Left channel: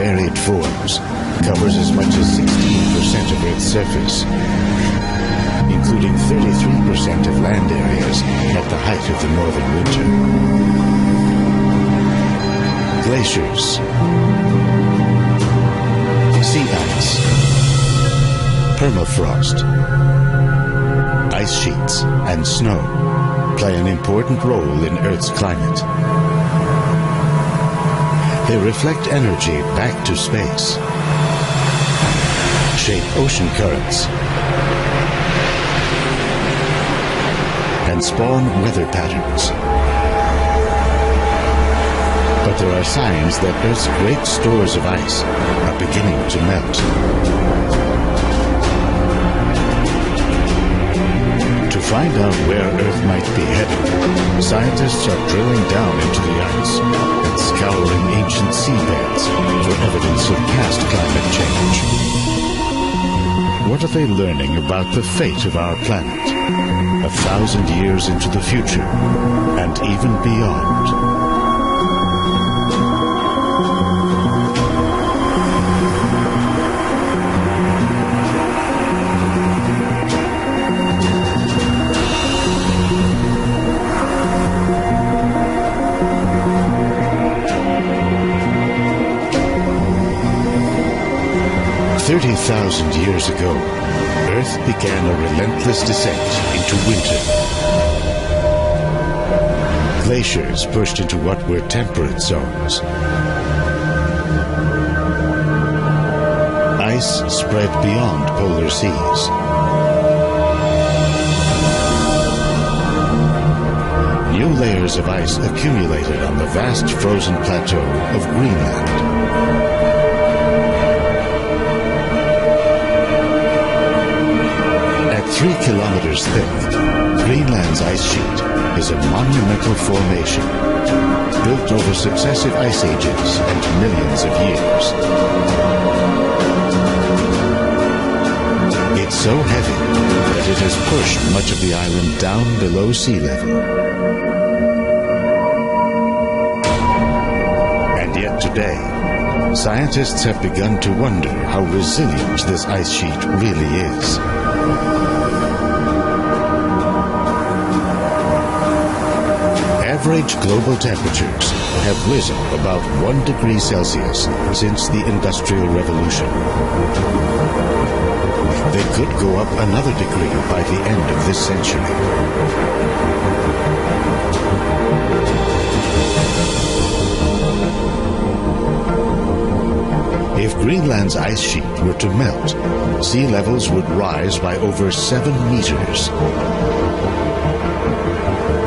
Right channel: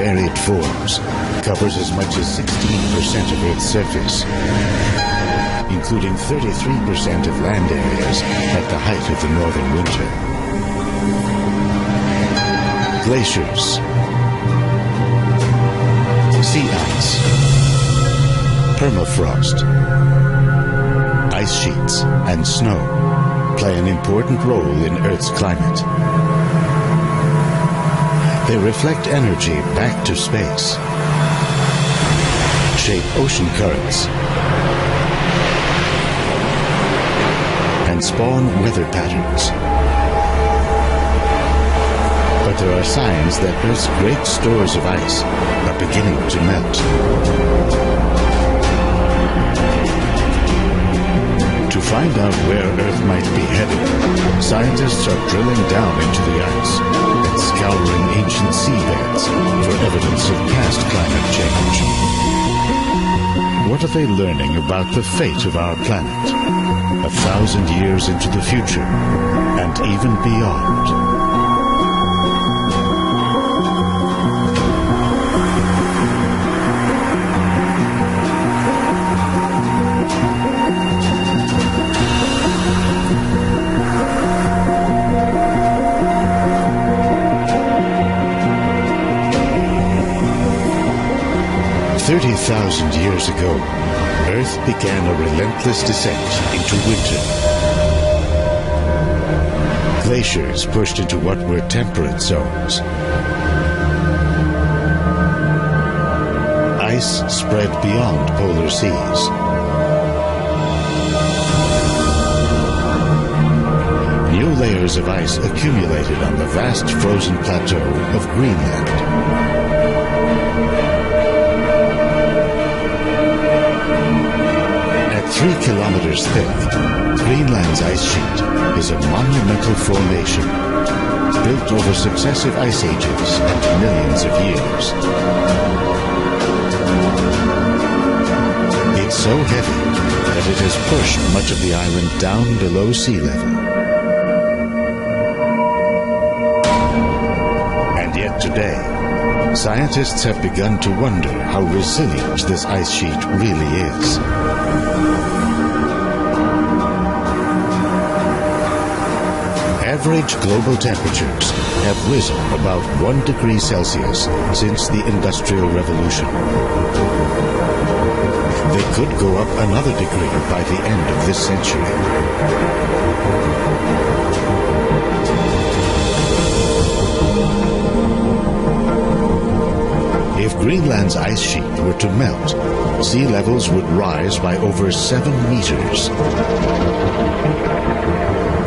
varied forms, covers as much as 16% of Earth's surface, including 33% of land areas at the height of the northern winter. Glaciers, sea ice, permafrost, ice sheets, and snow play an important role in Earth's climate. They reflect energy back to space, shape ocean currents, and spawn weather patterns. But there are signs that Earth's great stores of ice are beginning to melt. To find out where Earth might be headed, scientists are drilling down into the ice and scouring ancient seabeds for evidence of past climate change. What are they learning about the fate of our planet 1,000 years into the future and even beyond? 30,000 years ago, Earth began a relentless descent into winter. Glaciers pushed into what were temperate zones. Ice spread beyond polar seas. New layers of ice accumulated on the vast frozen plateau of Greenland. At 3 kilometers thick, Greenland's ice sheet is a monumental formation built over successive ice ages and millions of years. It's so heavy that it has pushed much of the island down below sea level. And yet today, scientists have begun to wonder how resilient this ice sheet really is. Average global temperatures have risen about 1 degree Celsius since the Industrial Revolution. They could go up another degree by the end of this century. If Greenland's ice sheet were to melt, sea levels would rise by over 7 meters.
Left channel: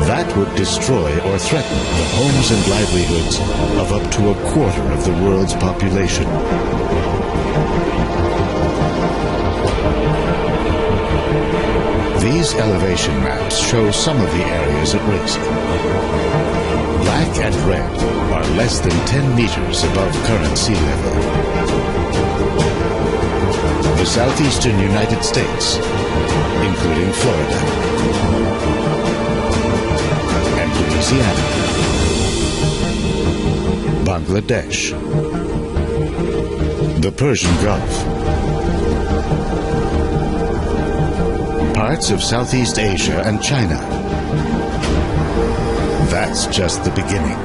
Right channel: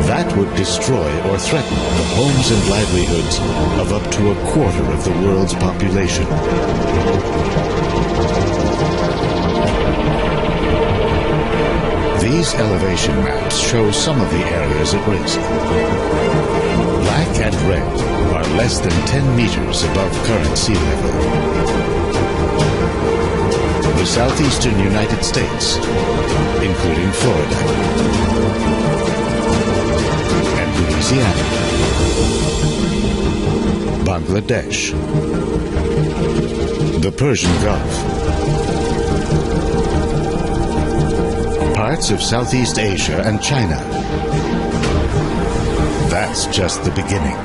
That would destroy or threaten the homes and livelihoods of up to a quarter of the world's population. These elevation maps show some of the areas at risk. Black and red are less than 10 meters above current sea level. The southeastern United States, including Florida and Louisiana, Bangladesh, the Persian Gulf, parts of Southeast Asia and China. That's just the beginning.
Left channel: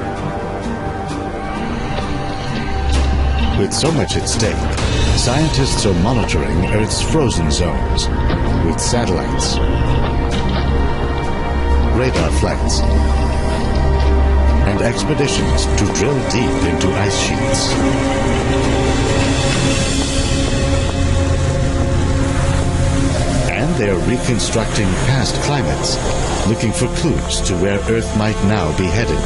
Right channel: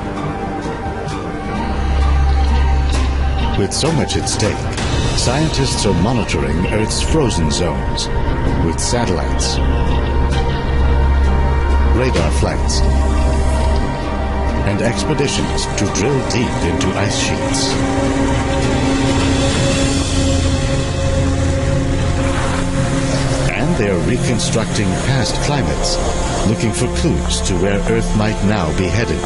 With so much at stake, scientists are monitoring Earth's frozen zones with satellites, radar flights, and expeditions to drill deep into ice sheets. And they are reconstructing past climates, looking for clues to where Earth might now be headed.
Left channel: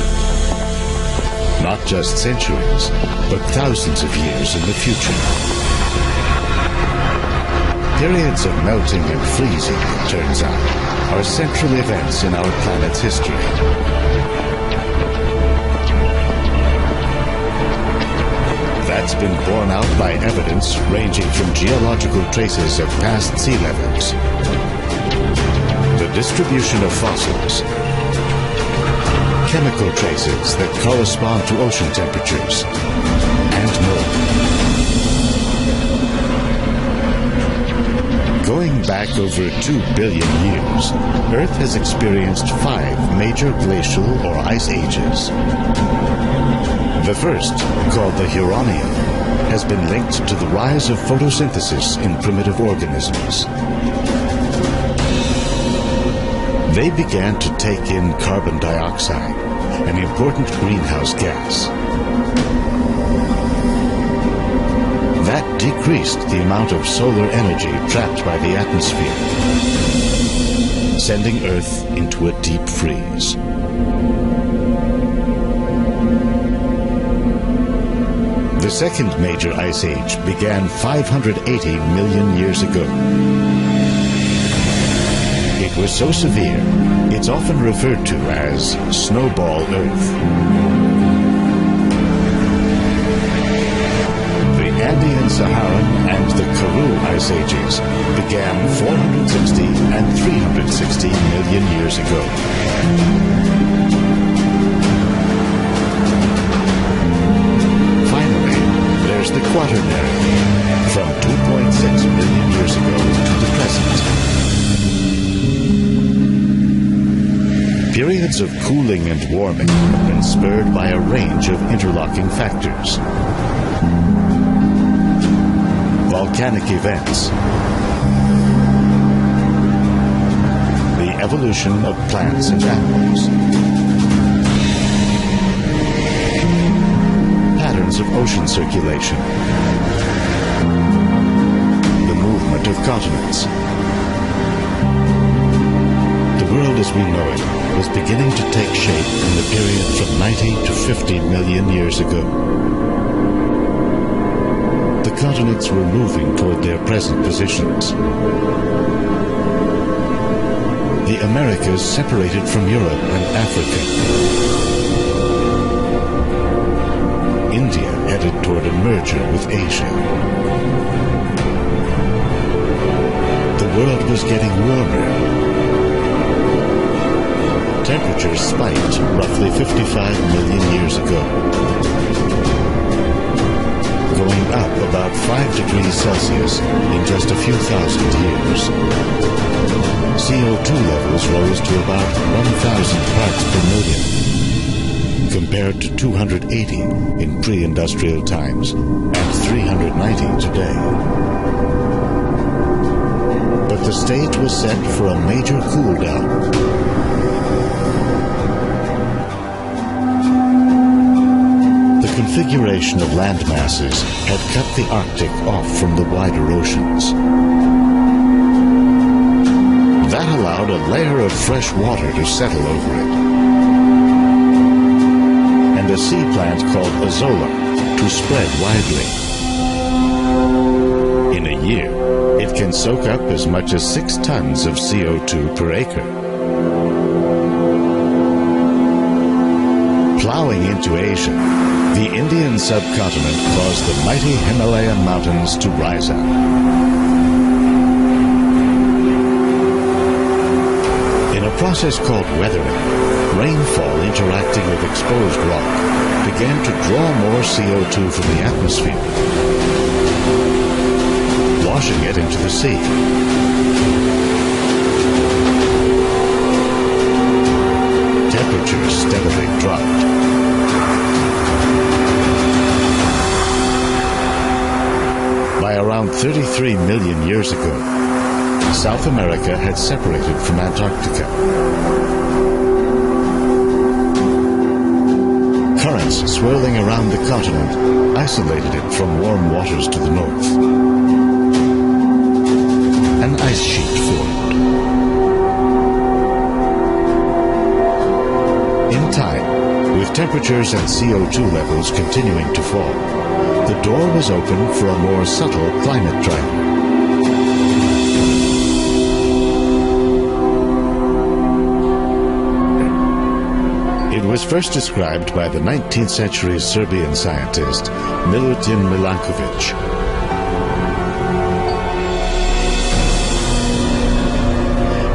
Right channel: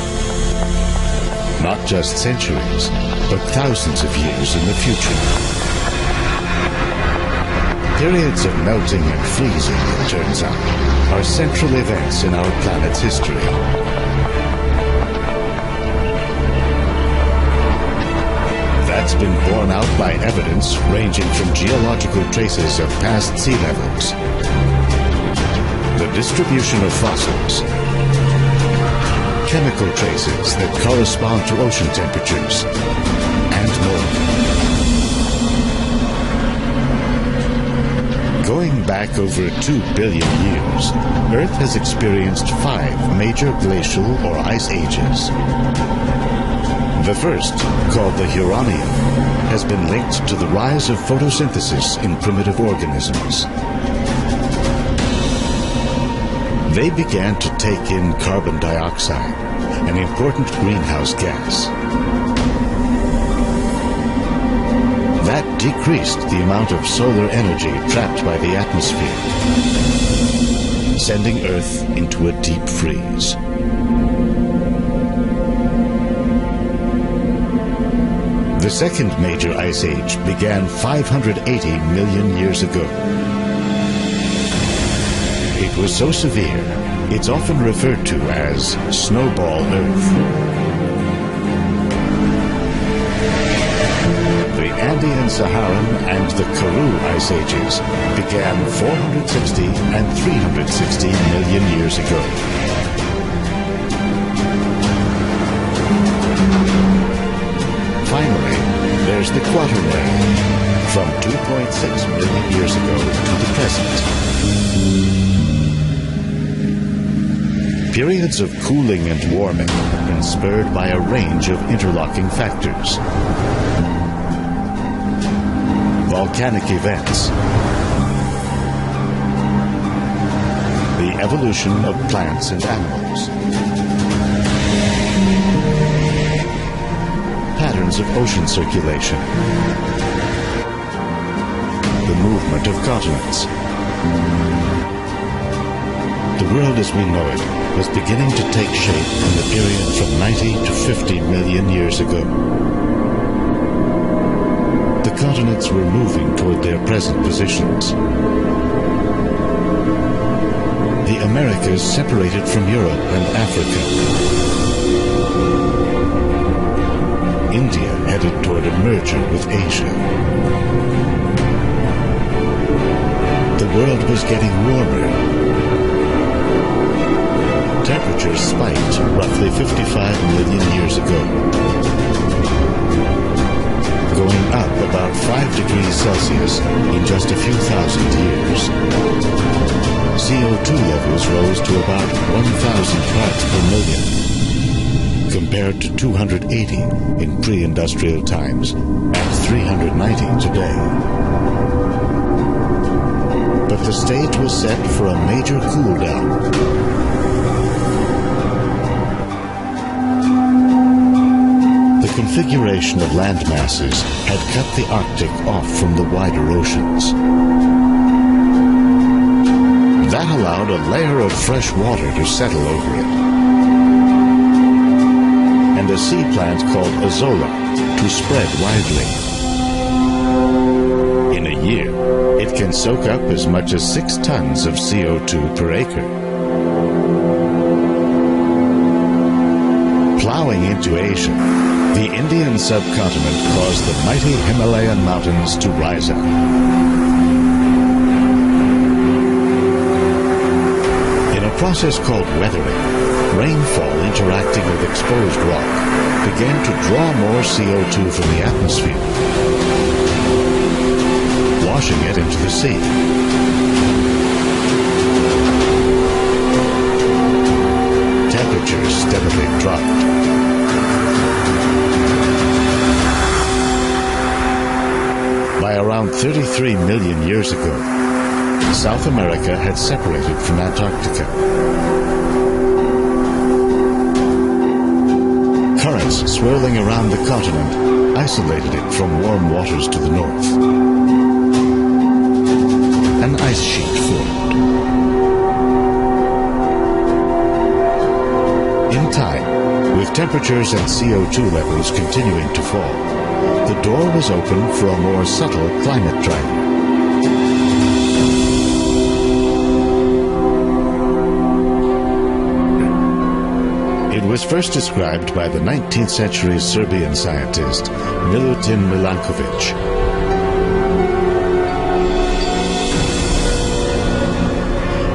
Not just centuries, but thousands of years in the future. Periods of melting and freezing, it turns out, are central events in our planet's history. That's been borne out by evidence ranging from geological traces of past sea levels, the distribution of fossils, chemical traces that correspond to ocean temperatures, and more. Going back over 2 billion years, Earth has experienced 5 major glacial or ice ages. The first, called the Huronian, has been linked to the rise of photosynthesis in primitive organisms. They began to take in carbon dioxide, an important greenhouse gas. That decreased the amount of solar energy trapped by the atmosphere, sending Earth into a deep freeze. The second major ice age began 580 million years ago. It was so severe, it's often referred to as Snowball Earth. The Andean-Saharan and the Karoo ice ages began 460 and 360 million years ago. Finally, there's the Quaternary, from 2.6 million years ago to the present. Periods of cooling and warming have been spurred by a range of interlocking factors. Volcanic events, the evolution of plants and animals, patterns of ocean circulation, the movement of continents. The world as we know it was beginning to take shape in the period from 90 to 50 million years ago. The continents were moving toward their present positions. The Americas separated from Europe and Africa. India headed toward a merger with Asia. The world was getting warmer. Temperatures spiked roughly 55 million years ago, going up about 5 degrees Celsius in just a few thousand years. CO2 levels rose to about 1,000 parts per million, compared to 280 in pre-industrial times and 390 today. But the stage was set for a major cool-down. The configuration of land masses had cut the Arctic off from the wider oceans. That allowed a layer of fresh water to settle over it, and a sea plant called azolla to spread widely. In a year, it can soak up as much as 6 tons of CO2 per acre. Plowing into Asia, the Indian subcontinent caused the mighty Himalayan mountains to rise up. In a process called weathering, rainfall interacting with exposed rock began to draw more CO2 from the atmosphere, washing it into the sea. Temperatures steadily dropped. By around 33 million years ago, South America had separated from Antarctica. Currents swirling around the continent isolated it from warm waters to the north. An ice sheet formed. In time, with temperatures and CO2 levels continuing to fall, the door was open for a more subtle climate driver. It was first described by the 19th century Serbian scientist Milutin Milankovic.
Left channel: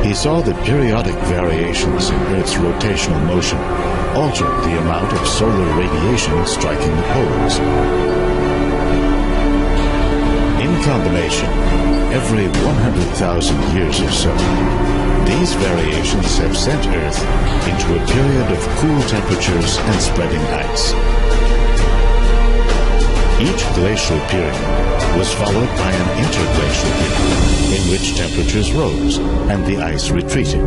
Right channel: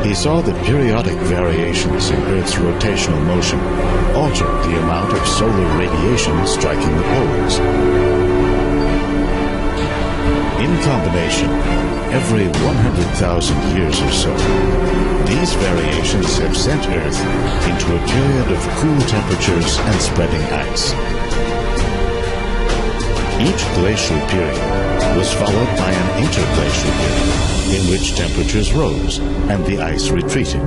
He saw that periodic variations in Earth's rotational motion altered the amount of solar radiation striking the poles. In combination, every 100,000 years or so, these variations have sent Earth into a period of cool temperatures and spreading ice. Each glacial period was followed by an interglacial period in which temperatures rose and the ice retreated.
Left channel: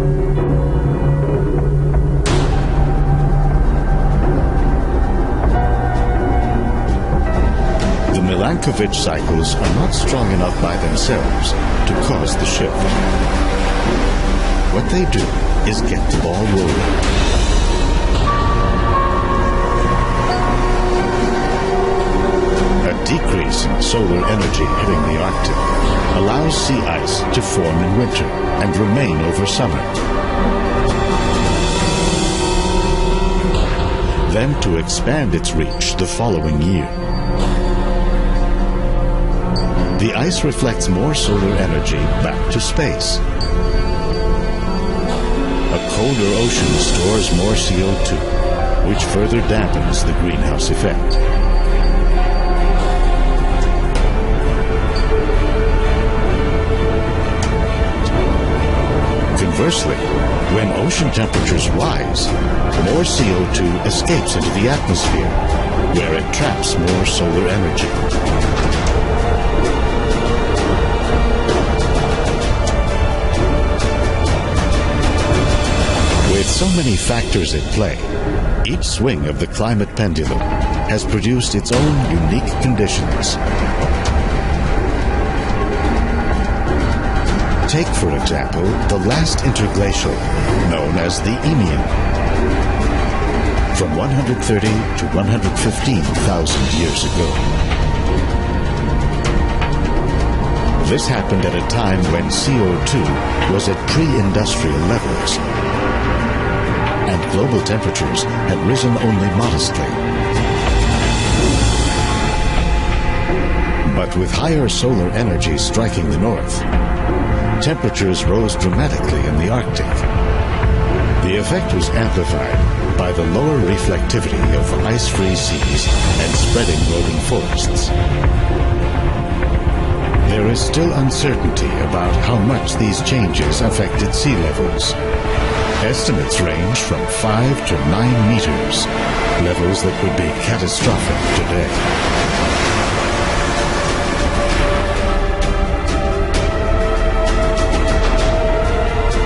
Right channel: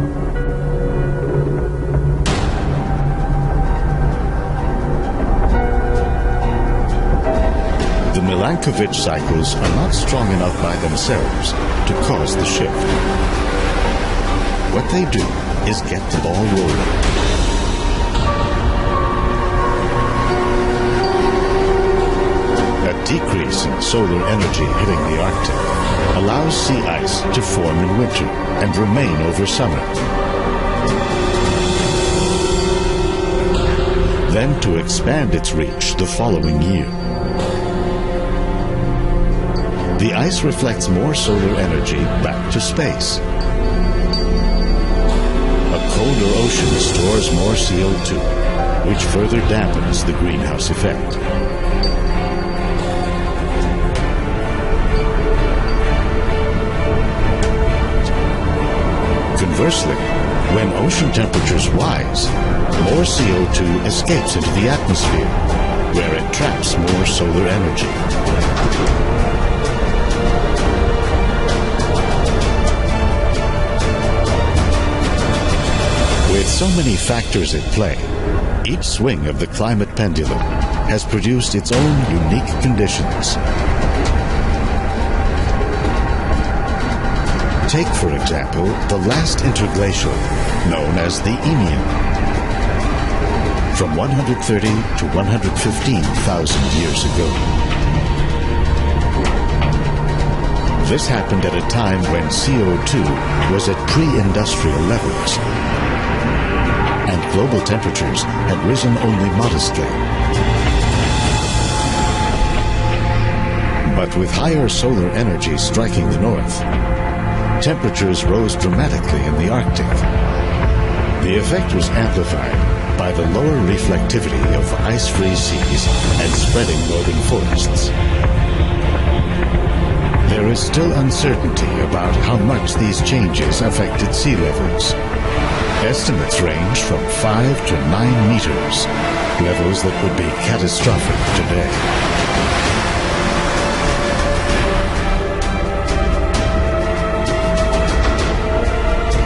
The Milankovitch cycles are not strong enough by themselves to cause the shift. What they do is get the ball rolling. A decrease in solar energy hitting the Arctic allows sea ice to form in winter and remain over summer. Then to expand its reach the following year. The ice reflects more solar energy back to space. A colder ocean stores more CO2, which further dampens the greenhouse effect. Conversely, when ocean temperatures rise, more CO2 escapes into the atmosphere, where it traps more solar energy. With so many factors at play, each swing of the climate pendulum has produced its own unique conditions. Take, for example, the last interglacial, known as the Eemian, from 130 to 115,000 years ago. This happened at a time when CO2 was at pre-industrial levels, and global temperatures had risen only modestly. But with higher solar energy striking the north, temperatures rose dramatically in the Arctic. The effect was amplified by the lower reflectivity of ice-free seas and spreading northern forests. There is still uncertainty about how much these changes affected sea levels. Estimates range from 5 to 9 meters, levels that would be catastrophic today.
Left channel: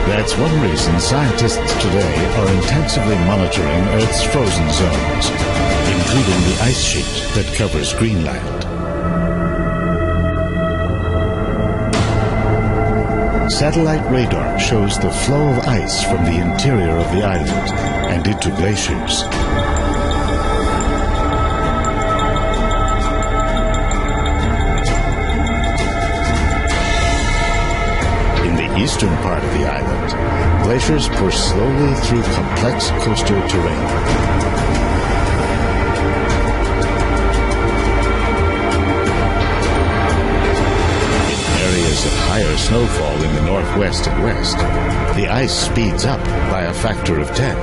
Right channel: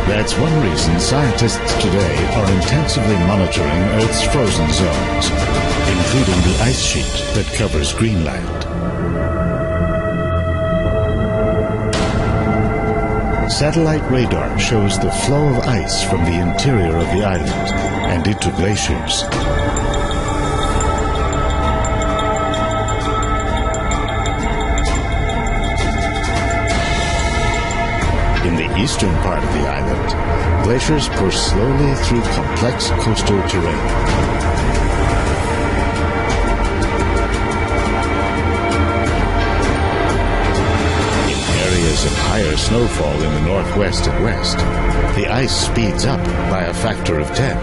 That's one reason scientists today are intensively monitoring Earth's frozen zones, including the ice sheet that covers Greenland. Satellite radar shows the flow of ice from the interior of the island and into glaciers. In the eastern part of the island, glaciers push slowly through complex coastal terrain. Areas of higher snowfall in the northwest and west, the ice speeds up by a factor of 10.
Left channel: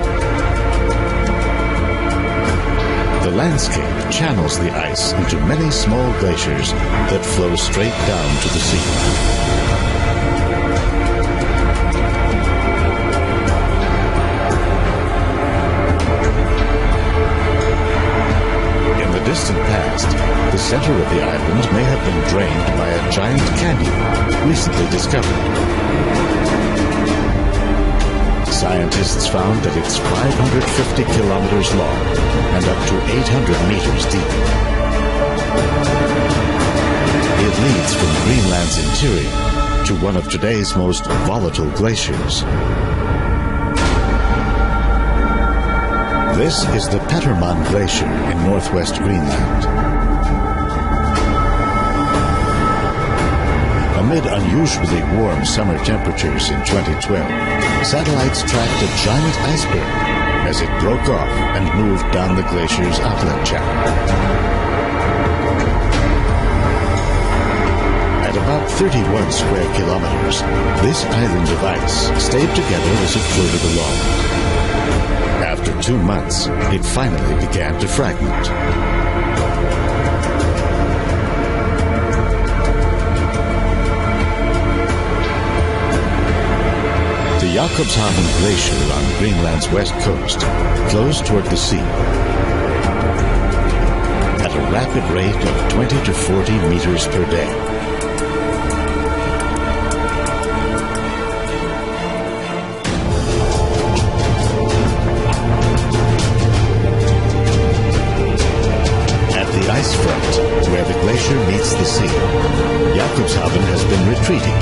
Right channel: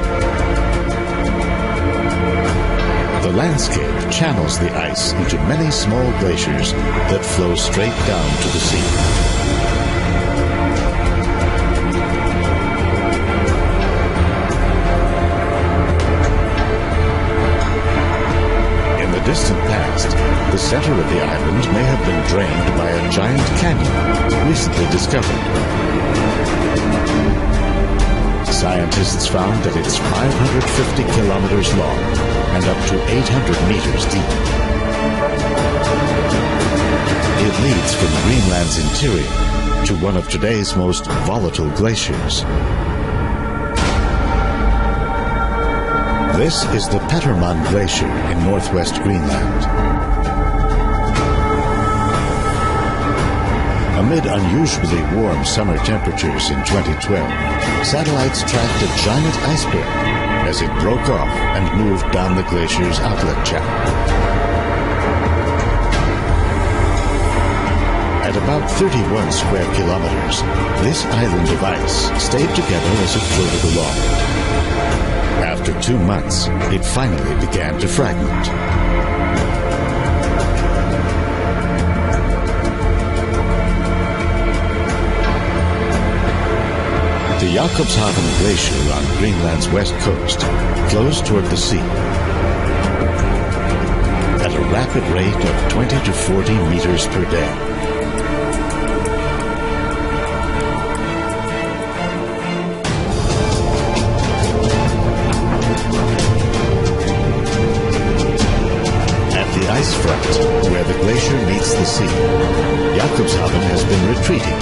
The landscape channels the ice into many small glaciers that flow straight down to the sea. In the distant past, the center of the island may have been drained by a giant canyon recently discovered. Scientists found that it's 550 kilometers long and up to 800 meters deep. It leads from Greenland's interior to one of today's most volatile glaciers. This is the Petermann Glacier in northwest Greenland. Amid unusually warm summer temperatures in 2012, satellites tracked a giant iceberg as it broke off and moved down the glacier's outlet channel. At about 31 square kilometers, this island of ice stayed together as it floated along. After 2 months, it finally began to fragment. The Jakobshavn Glacier on Greenland's west coast flows toward the sea at a rapid rate of 20 to 40 meters per day. At the ice front, where the glacier meets the sea, Jakobshavn has been retreating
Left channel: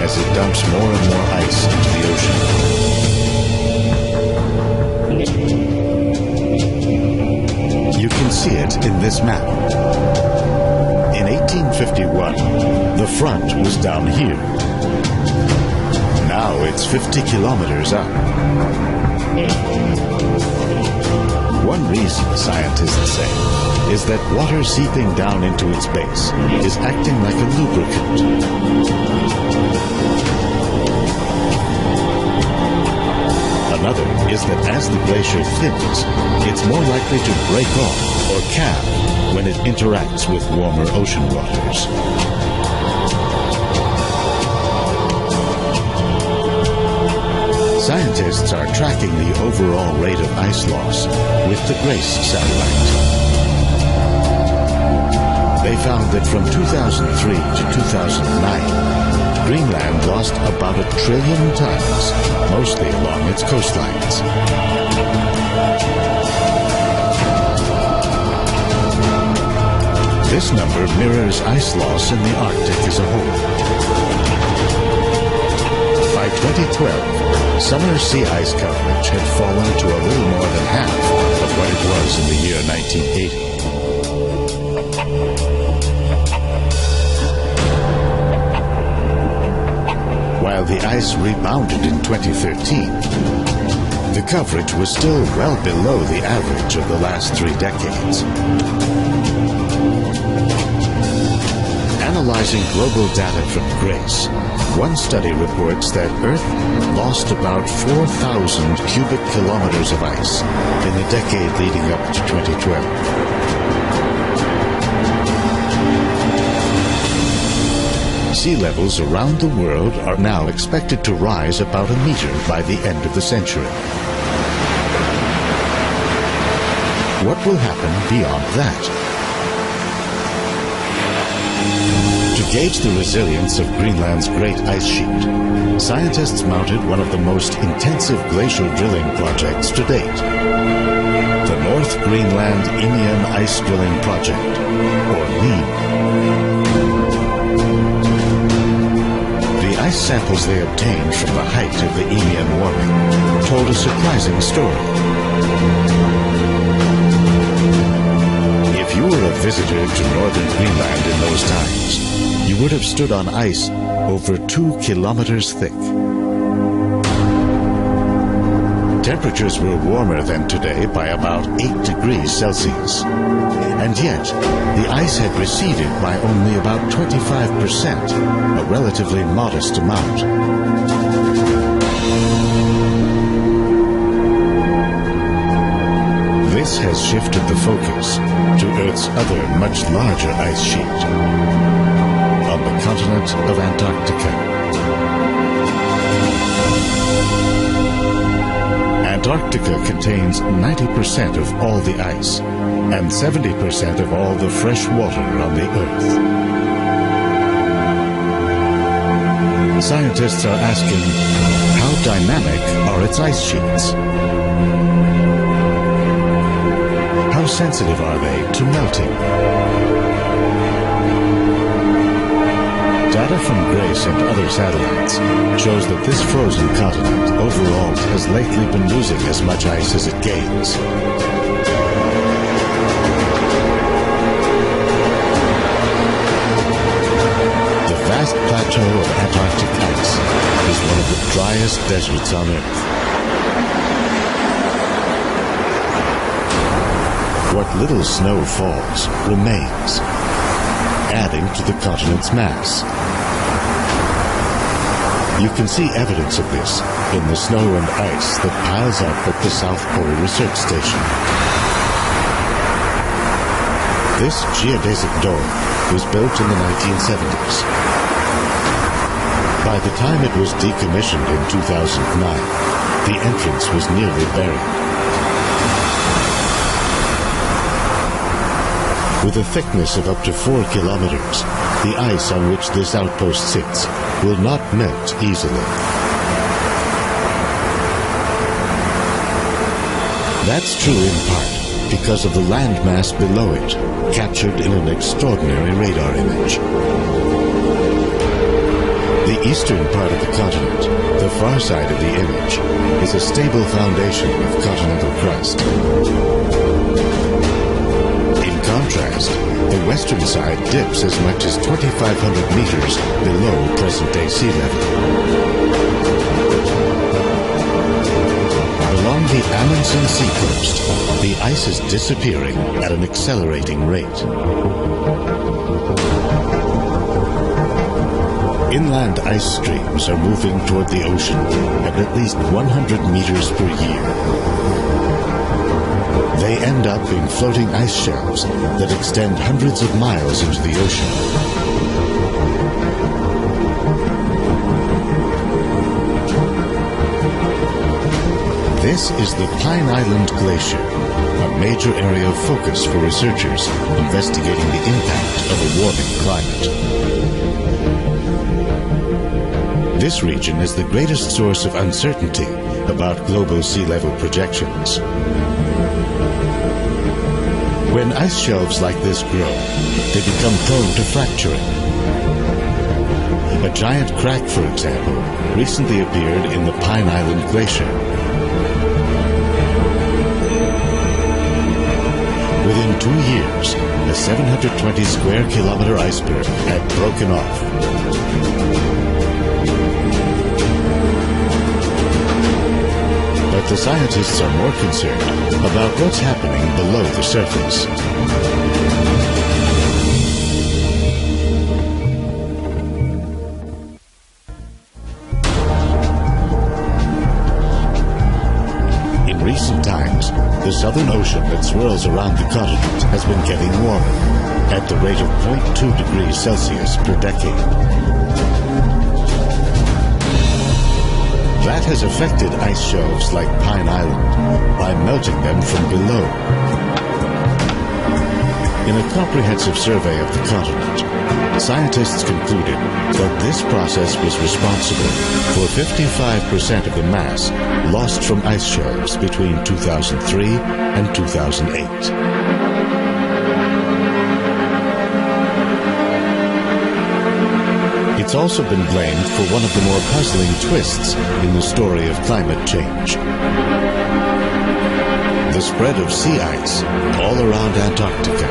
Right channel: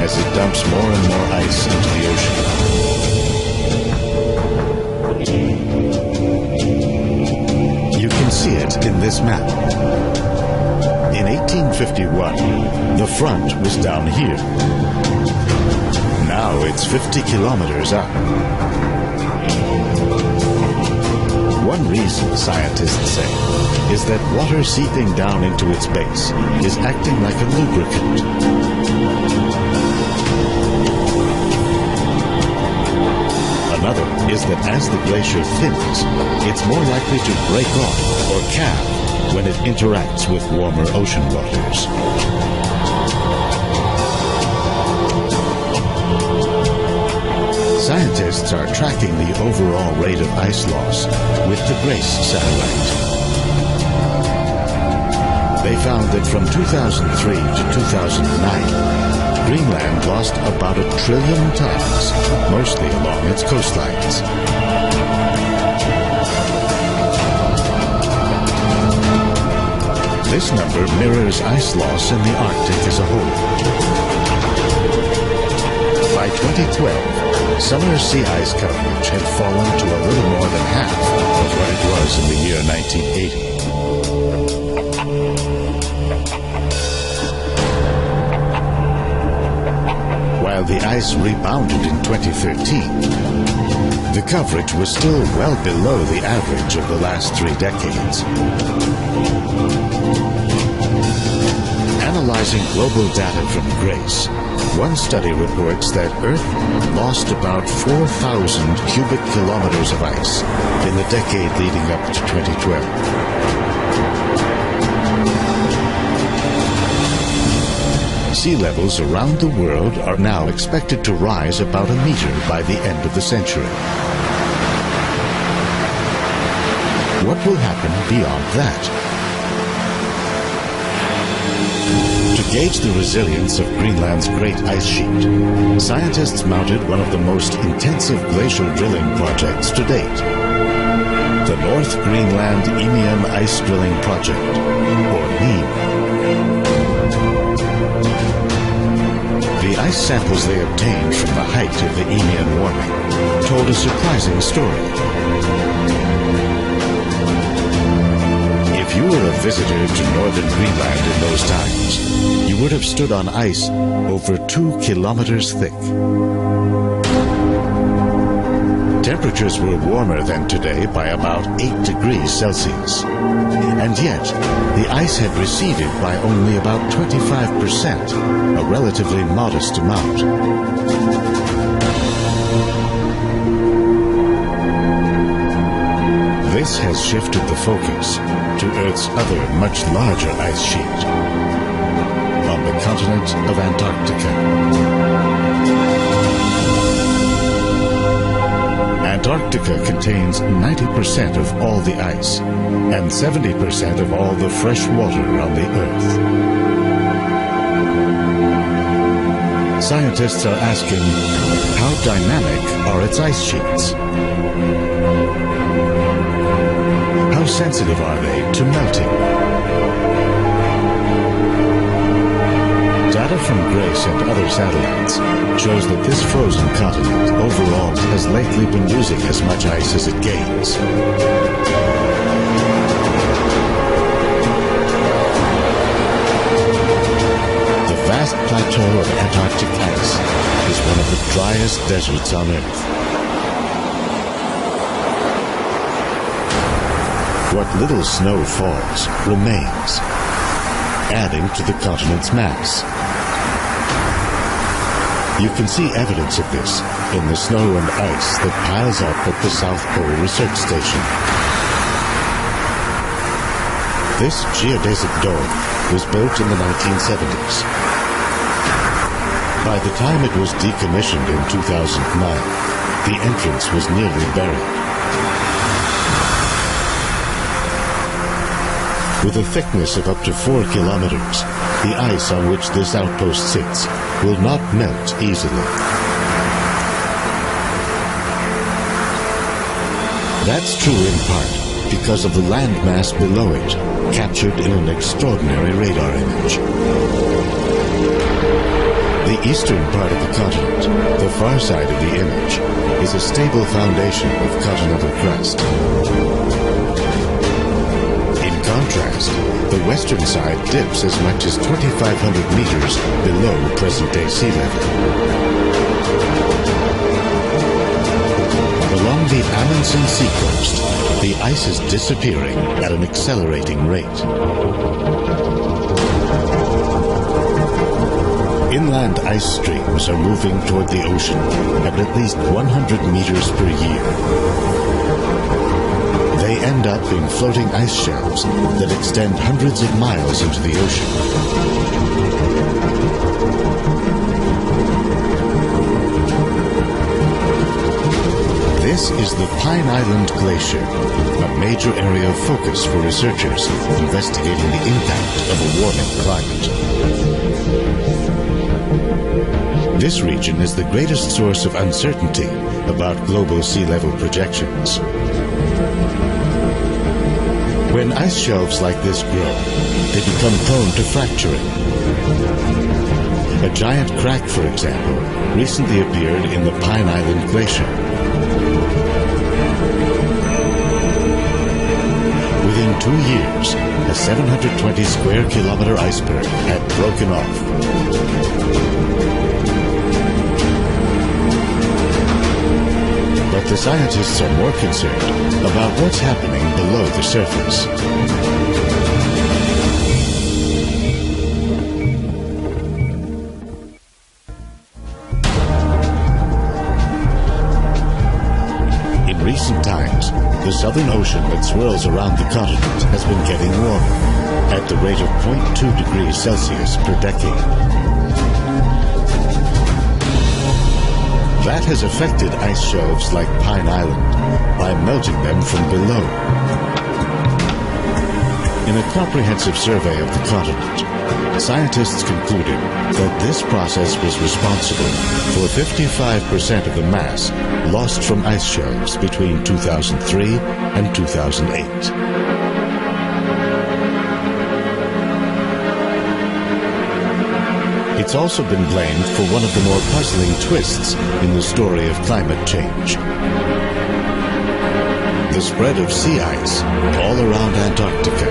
as it dumps more and more ice into the ocean. You can see it in this map. In 1851, the front was down here. Now it's 50 kilometers up. One reason, scientists say, is that water seeping down into its base is acting like a lubricant. Another is that as the glacier thins, it's more likely to break off or calve when it interacts with warmer ocean waters. Scientists are tracking the overall rate of ice loss with the GRACE satellite. They found that from 2003 to 2009, Greenland lost about 1 trillion tons, mostly along its coastlines. This number mirrors ice loss in the Arctic as a whole. By 2012, summer sea ice coverage had fallen to a little more than half of what it was in the year 1980. While the ice rebounded in 2013, the coverage was still well below the average of the last 3 decades. Analyzing global data from GRACE, one study reports that Earth lost about 4,000 cubic kilometers of ice in the decade leading up to 2012. Sea levels around the world are now expected to rise about 1 meter by the end of the century. What will happen beyond that? To gauge the resilience of Greenland's great ice sheet, scientists mounted one of the most intensive glacial drilling projects to date, the North Greenland Eemian Ice Drilling Project, or NEEM. The ice samples they obtained from the height of the Eemian warming told a surprising story. If you were a visitor to northern Greenland in those times, you would have stood on ice over 2 kilometers thick. Temperatures were warmer than today by about 8 degrees Celsius. And yet, the ice had receded by only about 25%, a relatively modest amount. This has shifted the focus to Earth's other, much larger ice sheet, on the continent of Antarctica. Antarctica contains 90% of all the ice and 70% of all the fresh water on the Earth. Scientists are asking, how dynamic are its ice sheets? How sensitive are they to melting? Data from GRACE and other satellites shows that this frozen continent overall has lately been losing as much ice as it gains. The vast plateau of Antarctic ice is one of the driest deserts on Earth. What little snow falls remains, adding to the continent's mass. You can see evidence of this in the snow and ice that piles up at the South Pole Research Station. This geodesic dome was built in the 1970s. By the time it was decommissioned in 2009, the entrance was nearly buried. With a thickness of up to 4 kilometers, the ice on which this outpost sits will not melt easily. That's true in part because of the landmass below it, captured in an extraordinary radar image. The eastern part of the continent, the far side of the image, is a stable foundation of continental crust. In contrast, the western side dips as much as 2,500 meters below present-day sea level. Along the Amundsen seacoast, the ice is disappearing at an accelerating rate. Inland ice streams are moving toward the ocean at least 100 meters per year. They end up in floating ice shelves that extend hundreds of miles into the ocean. This is the Pine Island Glacier, a major area of focus for researchers investigating the impact of a warming climate. This region is the greatest source of uncertainty about global sea level projections. When ice shelves like this grow, they become prone to fracturing. A giant crack, for example, recently appeared in the Pine Island Glacier. Within 2 years, a 720 square kilometer iceberg had broken off. But the scientists are more concerned about what's happening below the surface. In recent times, the Southern Ocean that swirls around the continent has been getting warmer at the rate of 0.2 degrees Celsius per decade. That has affected ice shelves like Pine Island by melting them from below. In a comprehensive survey of the continent, scientists concluded that this process was responsible for 55% of the mass lost from ice shelves between 2003 and 2008. It's also been blamed for one of the more puzzling twists in the story of climate change: the spread of sea ice all around Antarctica.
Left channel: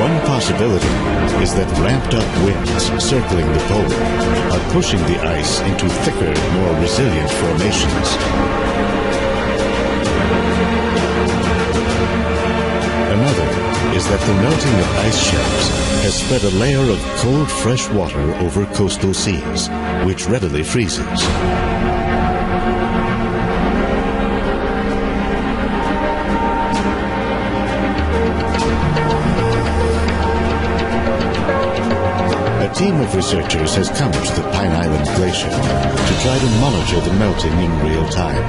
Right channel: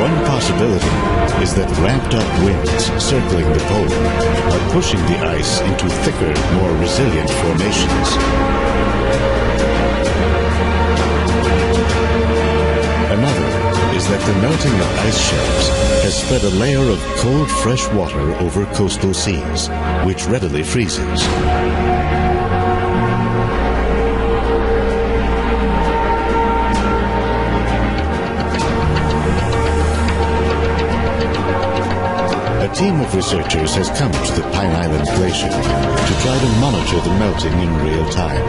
One possibility is that ramped-up winds circling the pole are pushing the ice into thicker, more resilient formations. Another is that the melting of ice shelves has spread a layer of cold, fresh water over coastal seas, which readily freezes. A team of researchers has come to the Pine Island Glacier to try to monitor the melting in real time.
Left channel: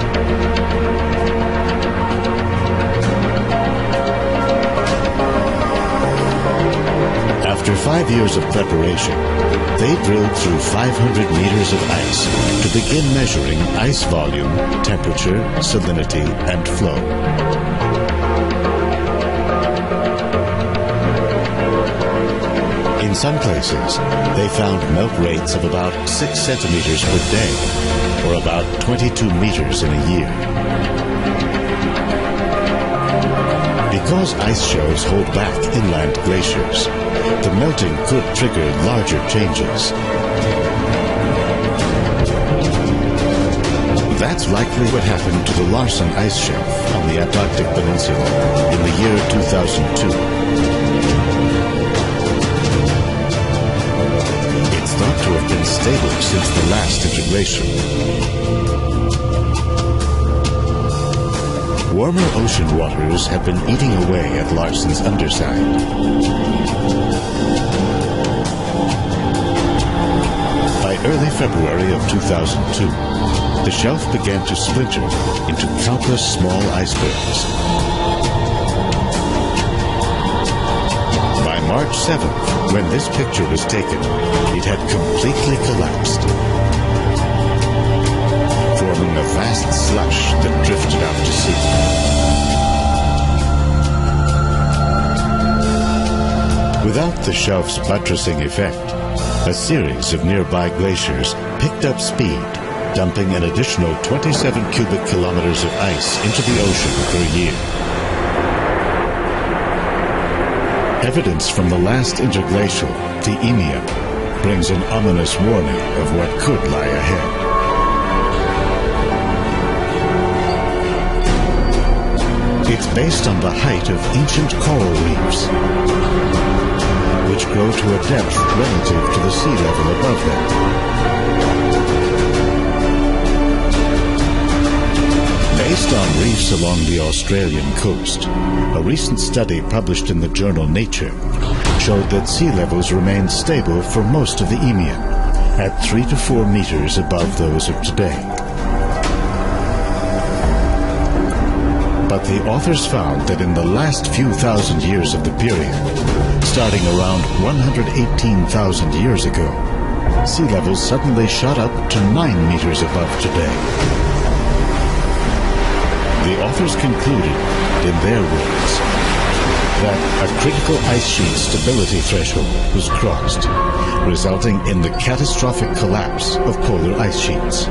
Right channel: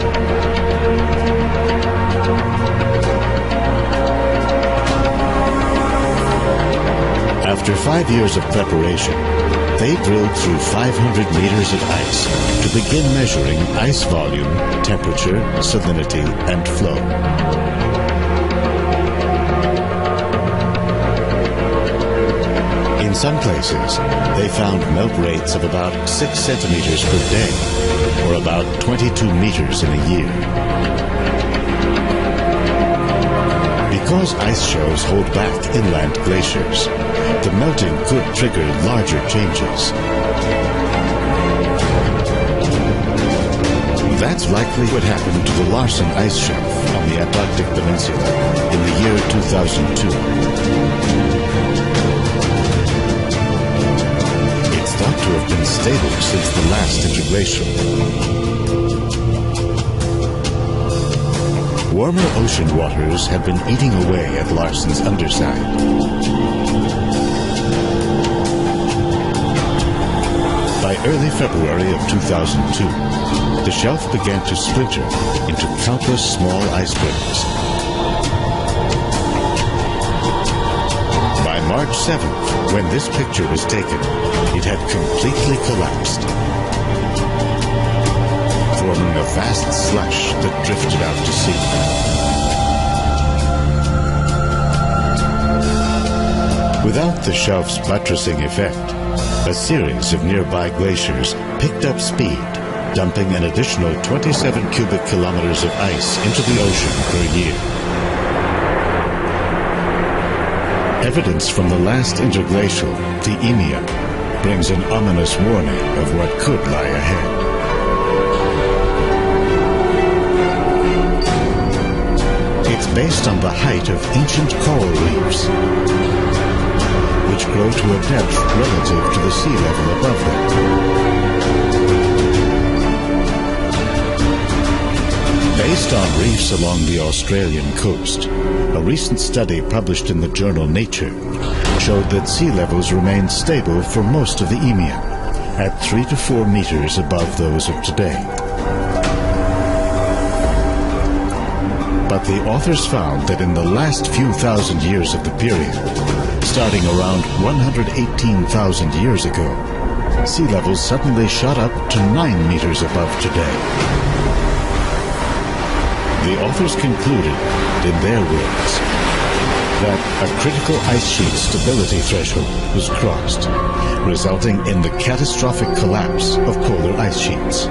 After 5 years of preparation, they drilled through 500 meters of ice to begin measuring ice volume, temperature, salinity, and flow. In some places, they found melt rates of about 6 centimeters per day, or about 22 meters in a year. Because ice shelves hold back inland glaciers, the melting could trigger larger changes. That's likely what happened to the Larsen ice shelf on the Antarctic Peninsula in the year 2002. It's thought to have been stable since the last interglacial. Warmer ocean waters have been eating away at Larsen's underside. By early February of 2002, the shelf began to splinter into countless small icebergs. By March 7th, when this picture was taken, it had completely collapsed, forming a vast slush that drifted out to sea. Without the shelf's buttressing effect, a series of nearby glaciers picked up speed, dumping an additional 27 cubic kilometers of ice into the ocean per year. Evidence from the last interglacial, the Eemian, brings an ominous warning of what could lie ahead. It's based on the height of ancient coral reefs, which grow to a depth relative to the sea level above them. Based on reefs along the Australian coast, a recent study published in the journal Nature showed that sea levels remained stable for most of the Eemian, at 3 to 4 meters above those of today. But the authors found that in the last few thousand years of the period, starting around 118,000 years ago, sea levels suddenly shot up to 9 meters above today. The authors concluded, in their words, that a critical ice sheet stability threshold was crossed, resulting in the catastrophic collapse of polar ice sheets.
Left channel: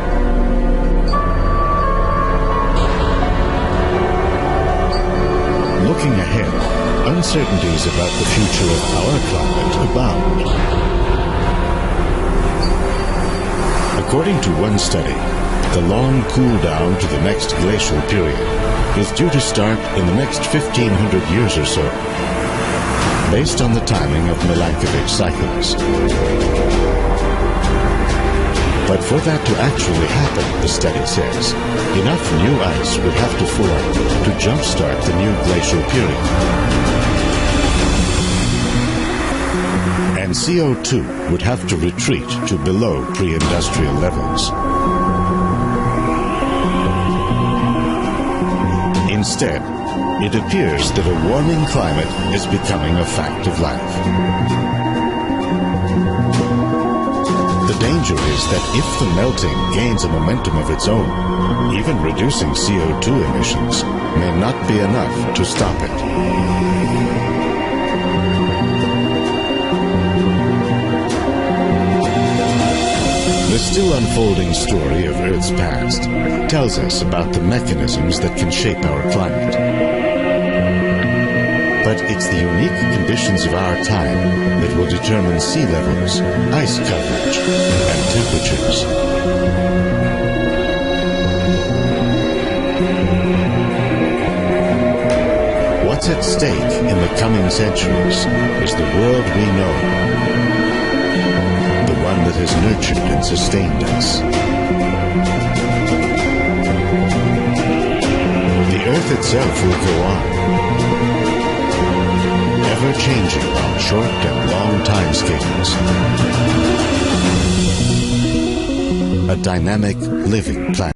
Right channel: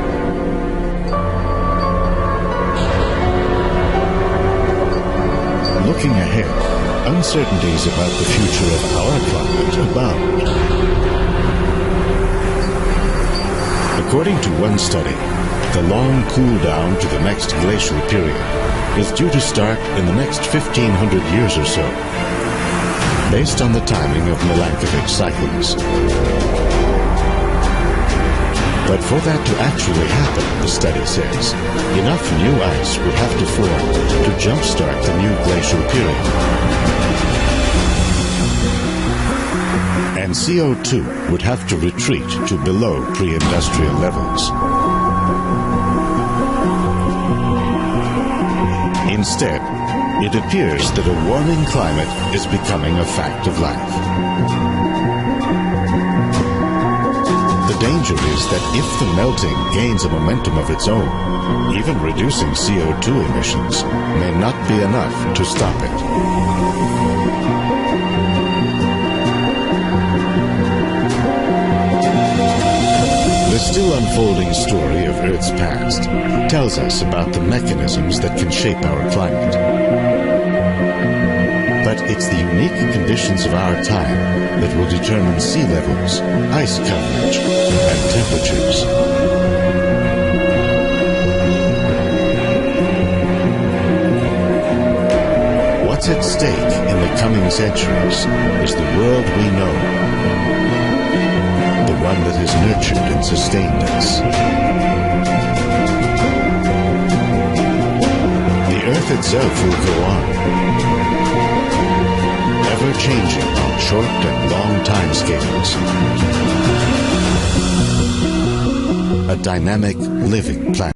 Looking ahead, uncertainties about the future of our climate abound. According to one study, the long cool down to the next glacial period is due to start in the next 1,500 years or so, based on the timing of Milankovitch cycles. But for that to actually happen, the study says, enough new ice would have to form to jumpstart the new glacial period. And CO2 would have to retreat to below pre-industrial levels. Instead, it appears that a warming climate is becoming a fact of life. The danger is that if the melting gains a momentum of its own, even reducing CO2 emissions may not be enough to stop it. The still unfolding story of Earth's past tells us about the mechanisms that can shape our climate. But it's the unique conditions of our time that will determine sea levels, ice coverage, and temperatures. What's at stake in the coming centuries is the world we know, the one that has nurtured and sustained us. The Earth itself will go on, ever changing on short and long time scales. A dynamic, living planet.